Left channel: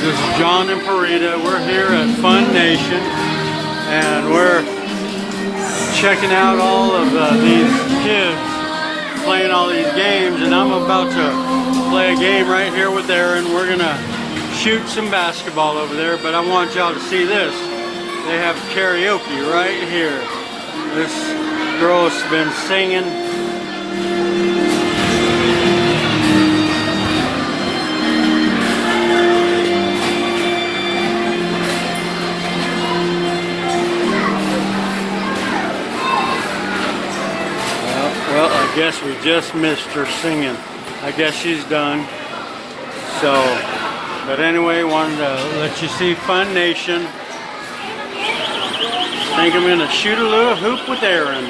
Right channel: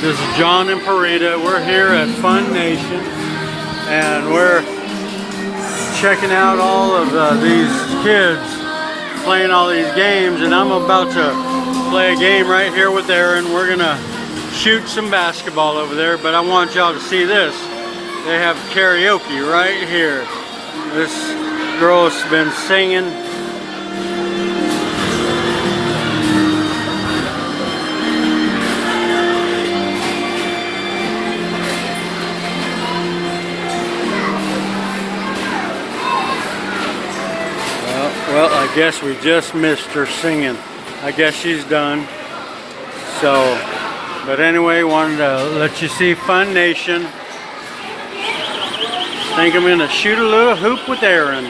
This is John and Parita. We're here at Fun Nation, and we're checking out all of these kids playing all these games, and I'm about to play a game right here with Aaron. We're gonna shoot some basketball over there, but I want y'all to see this. They have karaoke right here. This girl has been singing. Well, I guess we just missed her singing. I guess she's done. So, but anyway, wanted to let you see Fun Nation. I think I'm gonna shoot a little hoop with Aaron.